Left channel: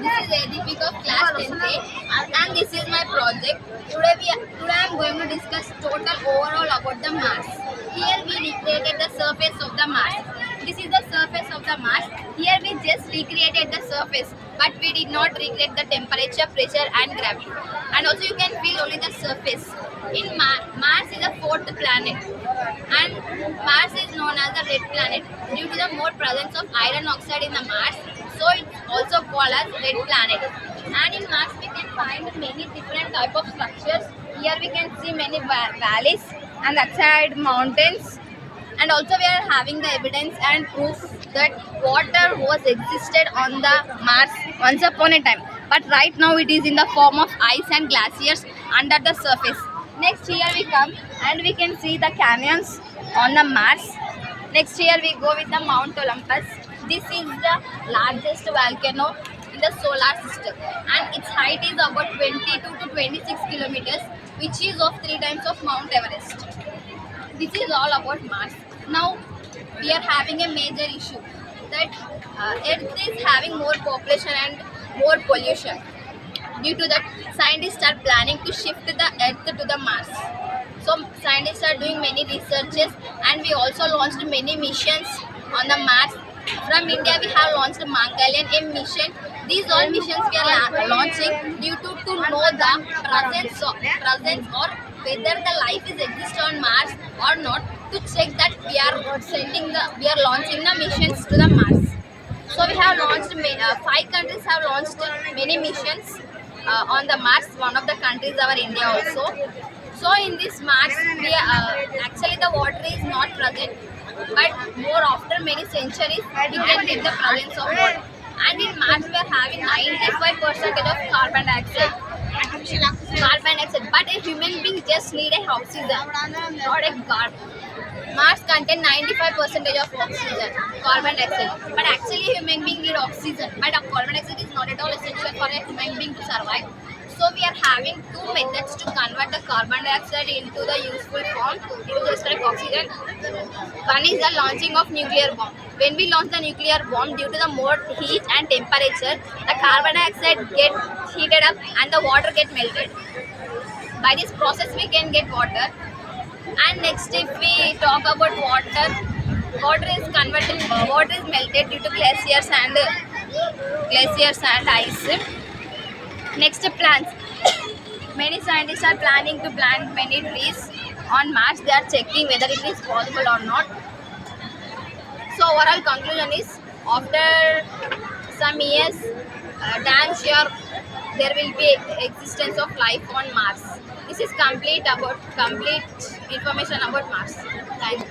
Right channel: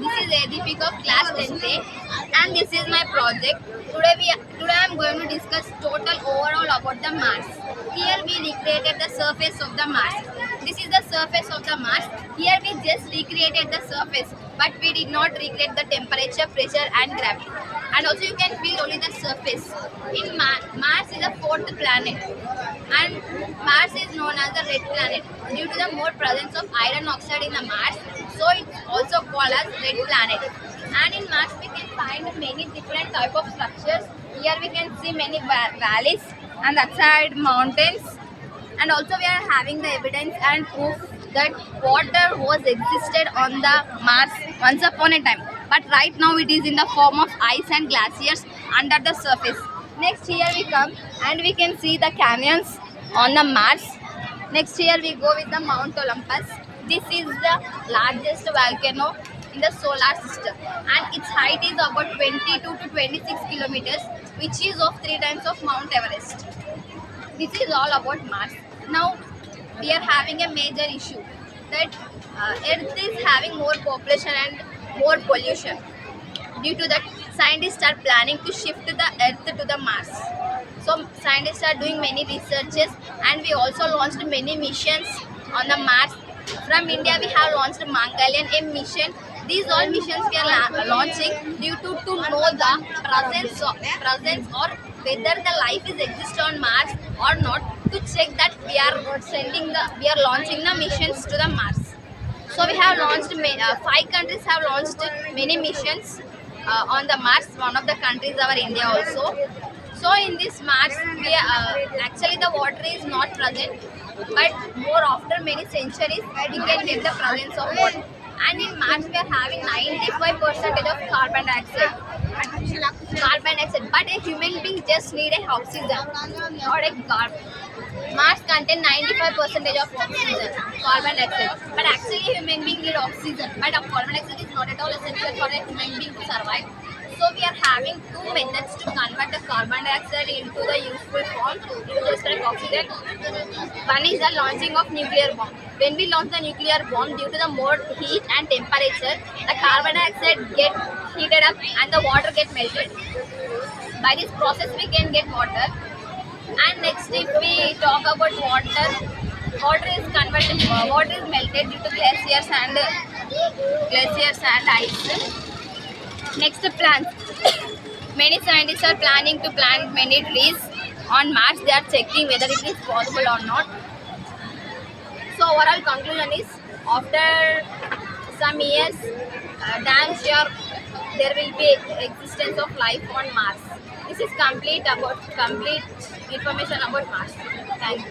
This is Adipik of class 10th and this is my project. Today I am going to discuss total overall about the Mars. Here we recreated the surface of the Mars. This is the surface of the Mars. Here we just recreated the surface, but we did not recreate the temperature, pressure and gravity. And also you can feel only the surface. In Mars is the fourth planet and Mars is known as the red planet due to the more presence of iron oxide in the Mars, so it's also called as red planet. And in Mars we can find many different type of structures. Here we can see many valleys and that side mountains, and also we are having the evidence and proof that water was existed on the Mars once upon a time, but right now it is in the form of ice and glaciers under the surface. Next here we come and we can see the canyons on the Mars. Next here we go with the Mount Olympus. This is the largest volcano in the solar system and its height is about 22 to 26 kilometers, which is of 3 times of Mount Everest. This is all about Mars. Now we are having a major issue that Earth is having more population and more pollution. Due to that, scientists are planning to shift the Earth to the Mars. So scientists are doing many researches and we also launched many missions on the Mars. From India we have launched Mongolian M mission. These all missions we are launching due to know the presence or whether the life is exist on Mars or not, to check that we are launching the missions to the Mars. So we have launched 5 countries have launched many missions on the Mars. One of the countries our India also. So in this Mars, actually the water is not present, but more after many centuries we can get the presence of water. And in Mars we are having 95% of carbon dioxide. But a human being just need a oxygen, not a carbon. Mars contain 95% of oxygen, carbon dioxide. But actually human being need oxygen. But carbon dioxide is not at all essential for a human being to survive. So we are having 2 methods to convert the carbon dioxide into the useful form, into the correct oxygen. One is the launching of nuclear bomb. When we launch the nuclear bomb, due to the more heat and temperature, the carbon dioxide get heated up and the water get melted. By this process we can get water. And next, if we talk about water, water is melted due to glaciers and ice. Next, plants. Many scientists are planning to plant many trees on Mars. They are checking whether it is possible or not. So overall conclusion is, after some years, damn sure there will be existence of life on Mars. This is complete information about Mars. Thank you.